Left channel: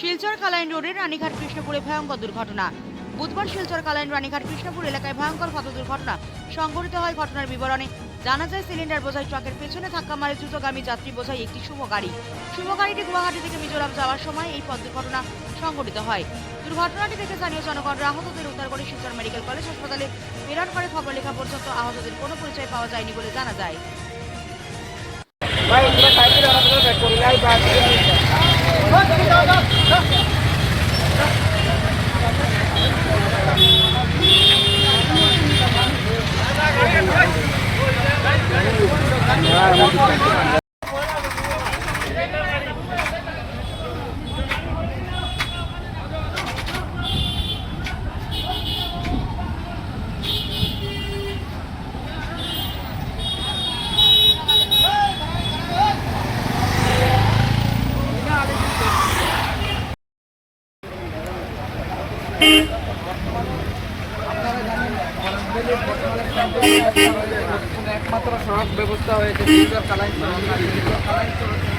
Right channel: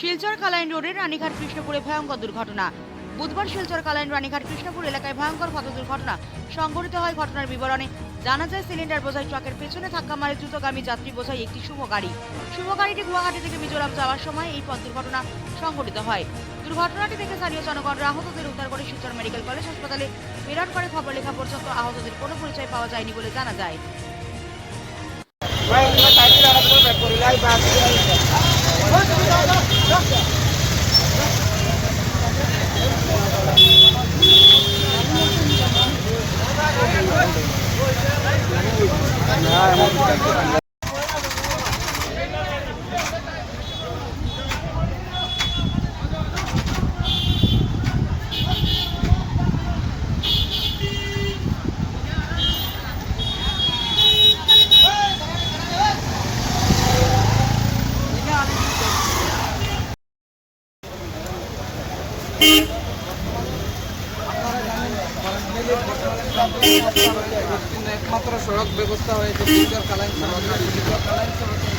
শিলচর কালাইন রোডের রানীঘাট কৃষ্ণপুরে ভয়ঙ্কর দুর্ঘটনা। বুধবার শিলচর কালাইন রানীঘাট কৃষ্ণপুর এলাকায় ভয়ঙ্কর পথ দুর্ঘটনা সংঘটিত হয় ঘটনার বিবরণে। জানা যায়, সিলিন্ডার বোঝাই ট্রাকের পেছনে ধাক্কা মারে দ্রুতগামী যাত্রী বোঝাই একটি শুভ গাড়ি। শুভ গাড়িটি গুয়াহাটি থেকে মিজোরাম যাওয়ার সময় এই পথ দুর্ঘটনা সংঘটিত হয়। দুর্ঘটনাটি দেখে স্থানীয় জনগণ আহতদের উদ্ধার করে শিলচর মেডিকেল কলেজ হাসপাতালে প্রেরণ করে। খবর লেখা পর্যন্ত আহতদের কোনো পরিচয় পাওয়া যায়নি বলে জানা যায়। Beep. একমাত্র সড়ক ব্যবস্থা হয়েছে কালাইন সড়ক কালাইন সড়কের